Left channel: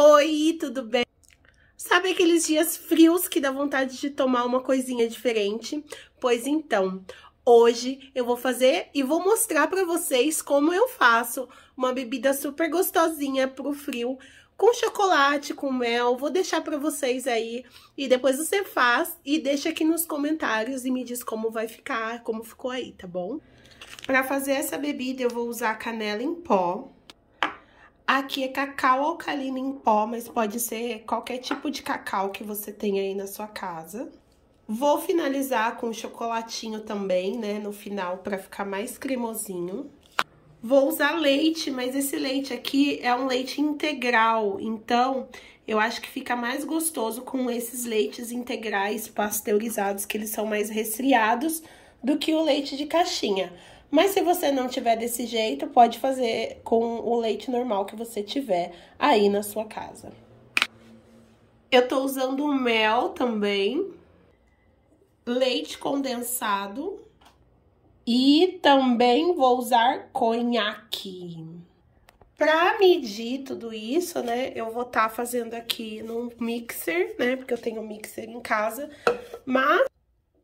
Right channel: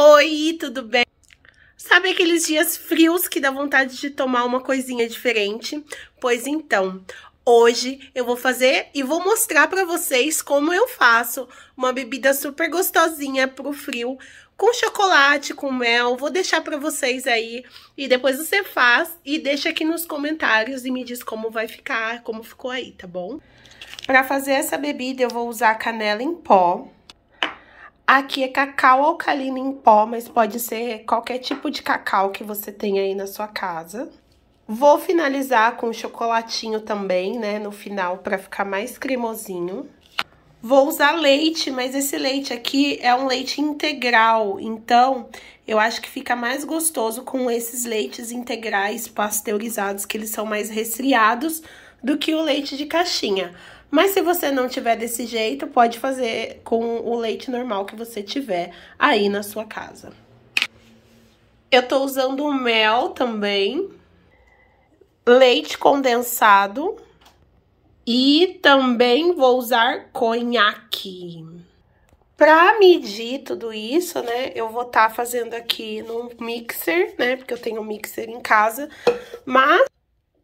Oi, tudo bem? Sabe aqueles dias frios que dá vontade de tomar uma coisinha diferente? Pois então, hoje eu vou fazer e vou mostrar pra vocês como eu faço uma bebida super gostosinha pro frio, com chocolate, com mel. Vou deixar pra vocês aí e depois você faz e deixa aqui nos comentários e me diz como vai ficar, como ficou aí, tá bom? Pra fazer essa bebida eu vou usar canela em pó. Aqui é cacau alcalino em pó, mas pode ser qualquer tipo de cacau que você tenha aí na sua casa. Vou finalizar com chocolatinho também, né, no final, pra ficar mais cremosinho. Vou usar leite, mas esse leite aqui é um leite integral, então eu acho que fica mais gostoso com esses leites integrais pasteurizados, que eles são mais resfriados do que o leite de caixinha. Mas se você não tiver desse jeito, pode fazer com o leite normal que você tiver aí na sua casa. Eu tô usando mel também, leite condensado e também vou usar conhaque. Pra medir tudo isso, né, eu vou estar fazendo aqui no mixer, né, porque eu tenho um mixer em casa, mas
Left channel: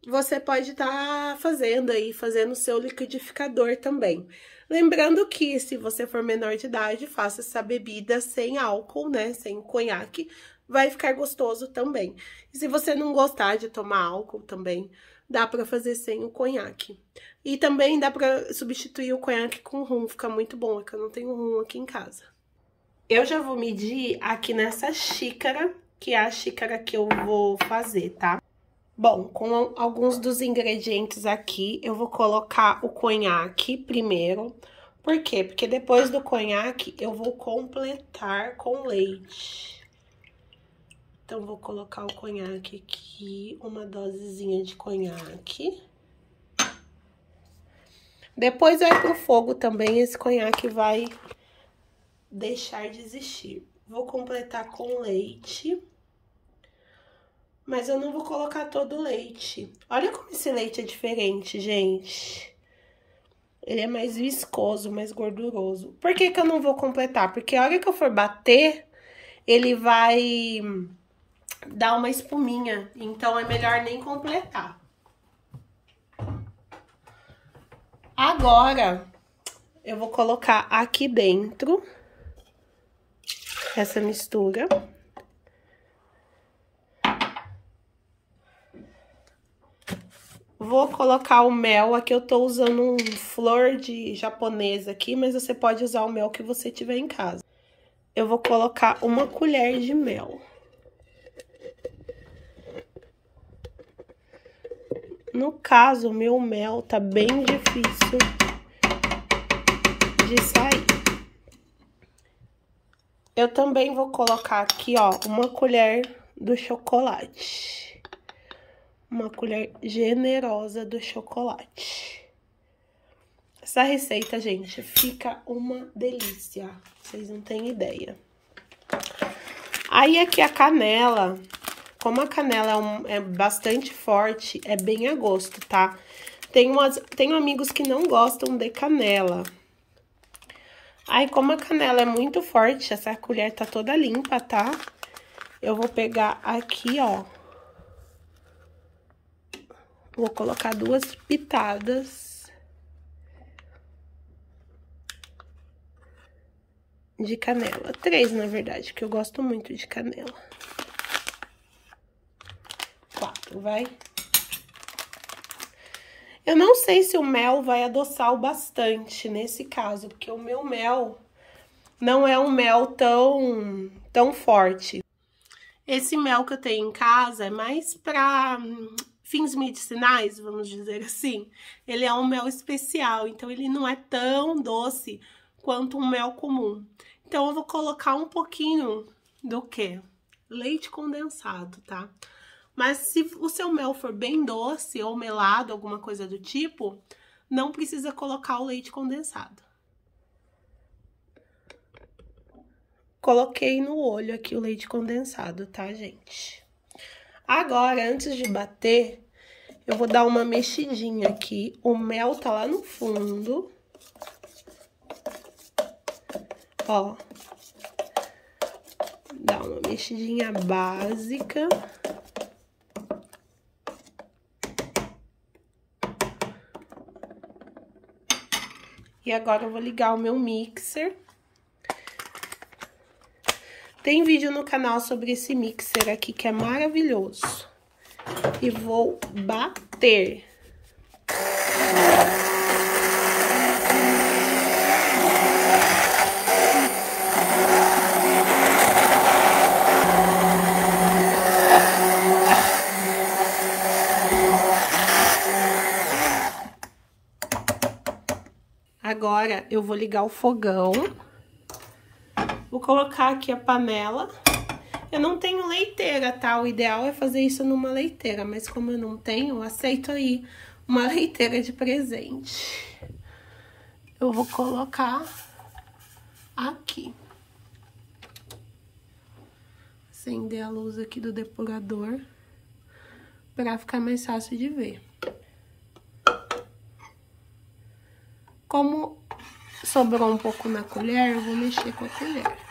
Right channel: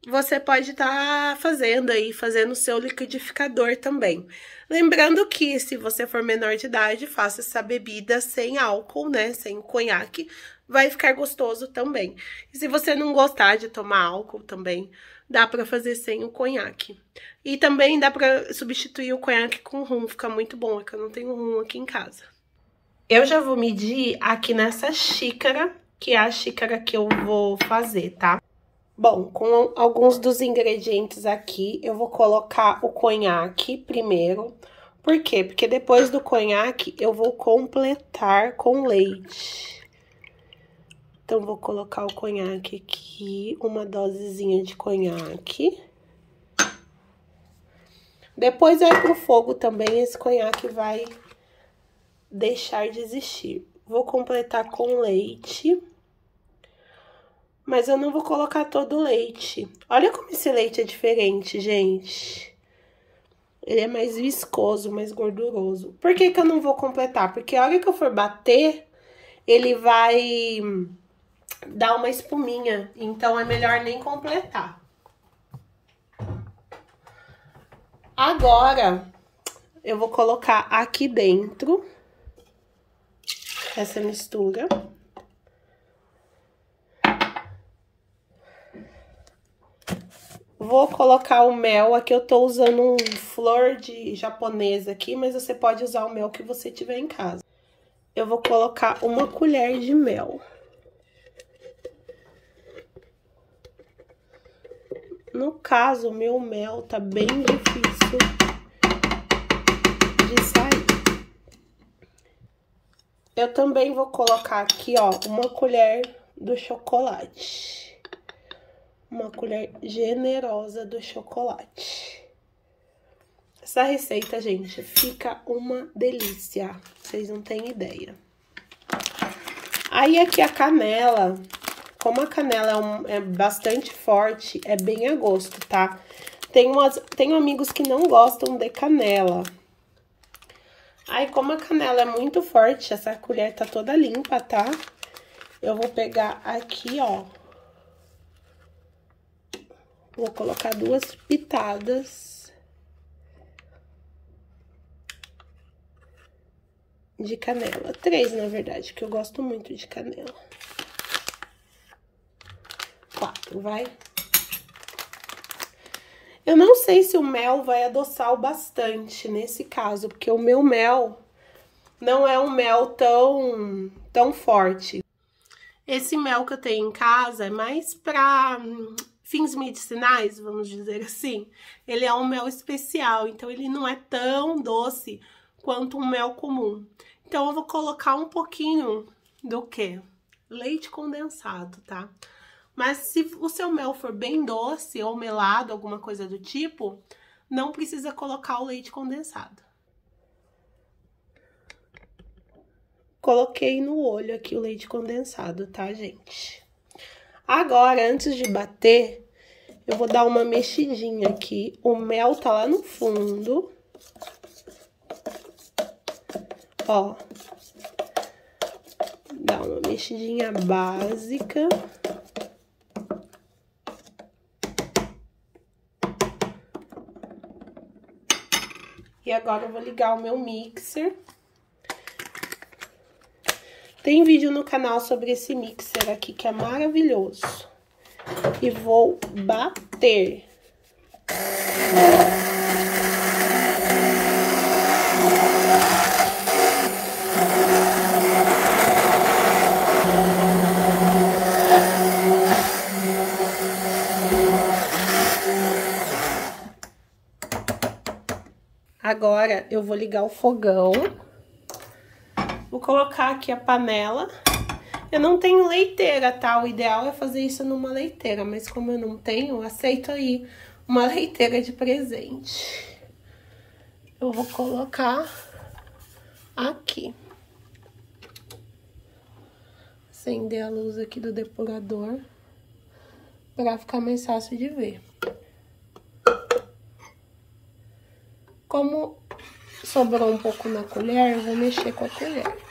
você pode estar fazendo aí, fazendo o seu liquidificador também. Lembrando que, se você for menor de idade, faça essa bebida sem álcool, né, sem conhaque, vai ficar gostoso também. E se você não gostar de tomar álcool também, dá pra fazer sem o conhaque. E também dá pra substituir o conhaque com rum, fica muito bom, é que eu não tenho rum aqui em casa. Eu já vou medir aqui nessa xícara, que é a xícara que eu vou fazer, tá? Bom, com alguns dos ingredientes aqui, eu vou colocar o conhaque primeiro. Por quê? Porque depois do conhaque, eu vou completar com leite. Então, vou colocar o conhaque aqui, uma dosezinha de conhaque. Depois vai pro fogo também, esse conhaque vai deixar de existir. Vou completar com leite. Mas eu não vou colocar todo o leite. Olha como esse leite é diferente, gente. Ele é mais viscoso, mais gorduroso. Por que que eu não vou completar? Porque a hora que eu for bater, ele vai dar uma espuminha. Então, é melhor nem completar. Agora, eu vou colocar aqui dentro essa mistura. Vou colocar o mel, aqui eu tô usando um flor de japonesa aqui, mas você pode usar o mel que você tiver em casa. Eu vou colocar uma colher de mel. No caso, o meu mel tá bem difícil de sair. Eu também vou colocar aqui, ó, uma colher do chocolate. Uma colher generosa do chocolate. Essa receita, gente, fica uma delícia. Vocês não têm ideia. Aí, aqui a canela. Como a canela é bastante forte, é bem a gosto, tá? Tenho amigos que não gostam de canela. Aí, como a canela é muito forte, essa colher tá toda limpa, tá? Eu vou pegar aqui, ó. Vou colocar 2 pitadas de canela. 3, na verdade, que eu gosto muito de canela. 4, vai. Eu não sei se o mel vai adoçar o bastante nesse caso, porque o meu mel não é um mel tão forte. Esse mel que eu tenho em casa é mais pra fins medicinais, vamos dizer assim. Ele é um mel especial, então ele não é tão doce quanto um mel comum. Então, eu vou colocar um pouquinho do quê? Leite condensado, tá? Mas se o seu mel for bem doce ou melado, alguma coisa do tipo, não precisa colocar o leite condensado. Coloquei no olho aqui o leite condensado, tá, gente? Agora, antes de bater, eu vou dar uma mexidinha aqui. O mel tá lá no fundo. Ó. Dá uma mexidinha básica. E agora eu vou ligar o meu mixer. Tem vídeo no canal sobre esse mixer aqui, que é maravilhoso. E vou bater. Agora, eu vou ligar o fogão. Vou colocar aqui a panela. Eu não tenho leiteira, tá? O ideal é fazer isso numa leiteira, mas como eu não tenho, eu aceito aí uma leiteira de presente. Eu vou colocar aqui. Acender a luz aqui do depurador para ficar mais fácil de ver. Como sobrou um pouco na colher, eu vou mexer com a colher.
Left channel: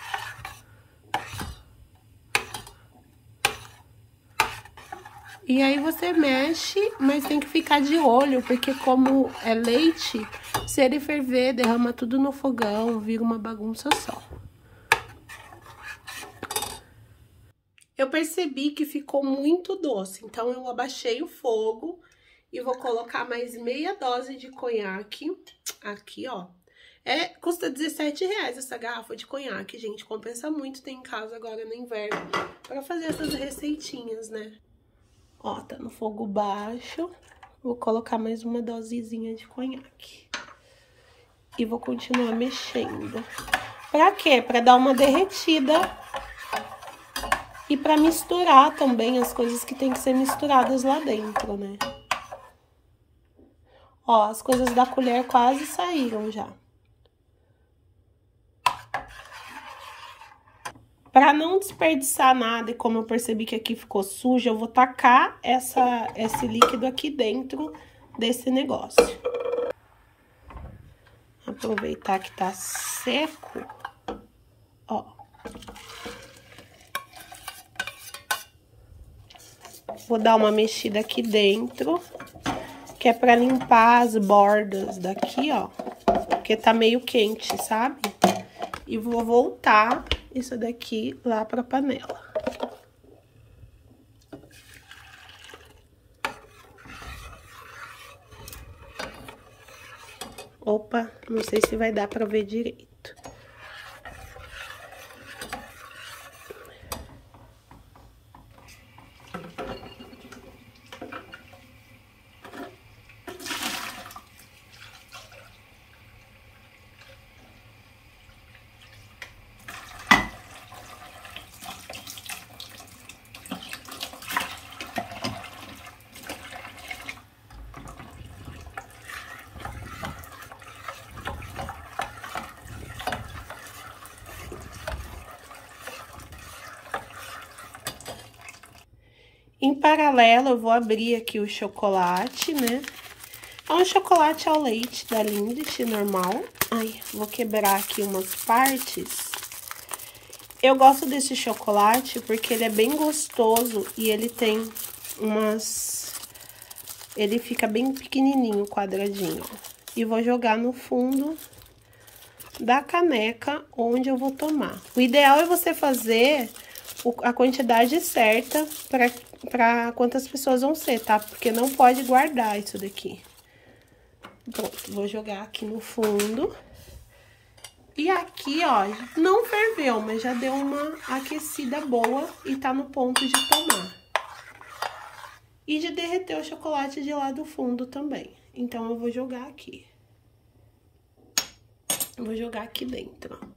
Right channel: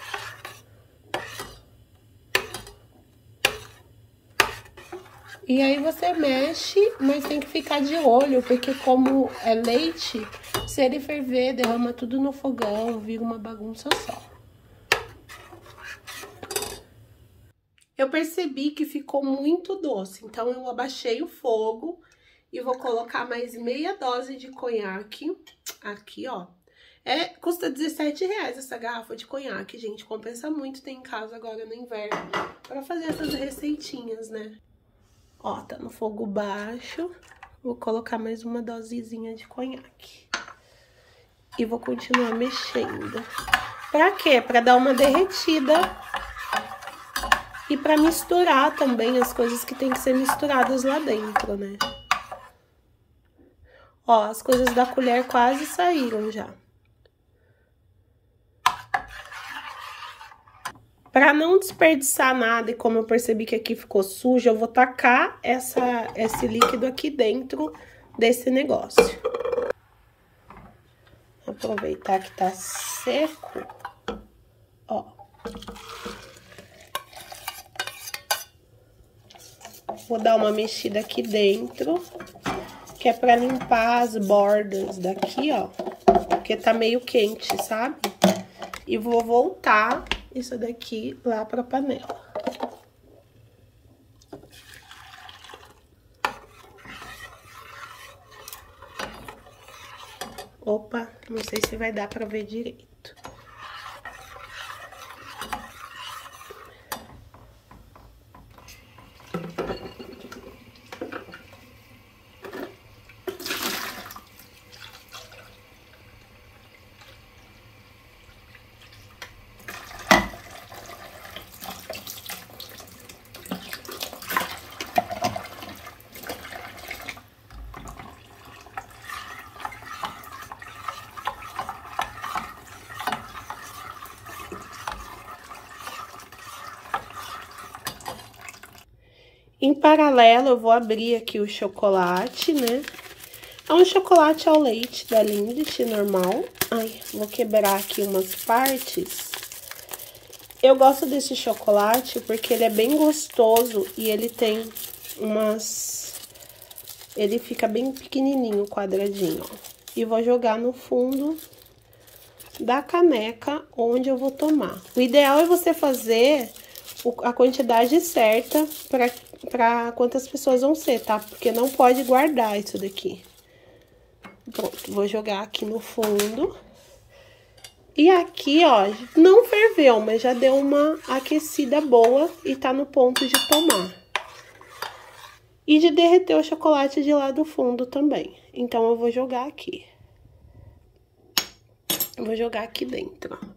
E aí você mexe, mas tem que ficar de olho, porque como é leite, se ele ferver, derrama tudo no fogão, vira uma bagunça só. Eu percebi que ficou muito doce, então eu abaixei o fogo e vou colocar mais meia dose de conhaque aqui, ó. Custa R$17 essa garrafa de conhaque, gente. Compensa muito ter em casa agora no inverno pra fazer essas receitinhas, né? Ó, tá no fogo baixo. Vou colocar mais uma dosezinha de conhaque. E vou continuar mexendo. Pra quê? Pra dar uma derretida. E pra misturar também as coisas que tem que ser misturadas lá dentro, né? Ó, as coisas da colher quase saíram já. Pra não desperdiçar nada, e como eu percebi que aqui ficou sujo, eu vou tacar esse líquido aqui dentro desse negócio. Aproveitar que tá seco, ó. Vou dar uma mexida aqui dentro, que é pra limpar as bordas daqui, ó. Porque tá meio quente, sabe? E vou voltar isso daqui lá pra panela. Opa, não sei se vai dar pra ver direito. Em paralelo, eu vou abrir aqui o chocolate, né? É um chocolate ao leite da Lindt, normal. Ai, vou quebrar aqui umas partes. Eu gosto desse chocolate porque ele é bem gostoso e ele tem umas... Ele fica bem pequenininho, quadradinho, ó. E vou jogar no fundo da caneca onde eu vou tomar. O ideal é você fazer a quantidade certa para quantas pessoas vão ser, tá? Porque não pode guardar isso daqui. Pronto, vou jogar aqui no fundo. E aqui, ó, não ferveu, mas já deu uma aquecida boa e tá no ponto de tomar. E de derreter o chocolate de lá do fundo também. Então, eu vou jogar aqui. Eu vou jogar aqui dentro, ó.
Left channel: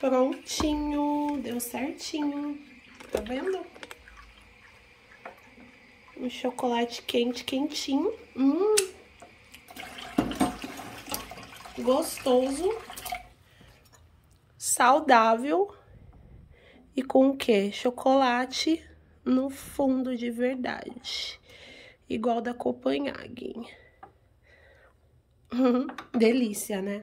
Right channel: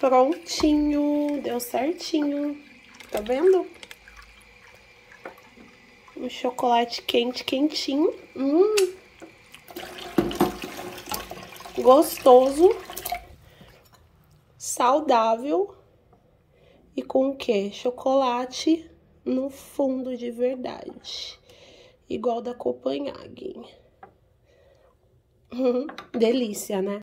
Prontinho, deu certinho, tá vendo? Um chocolate quente, quentinho, gostoso. saudável e com o quê? Chocolate no fundo de verdade. Igual da Copenhagen. Delícia, né?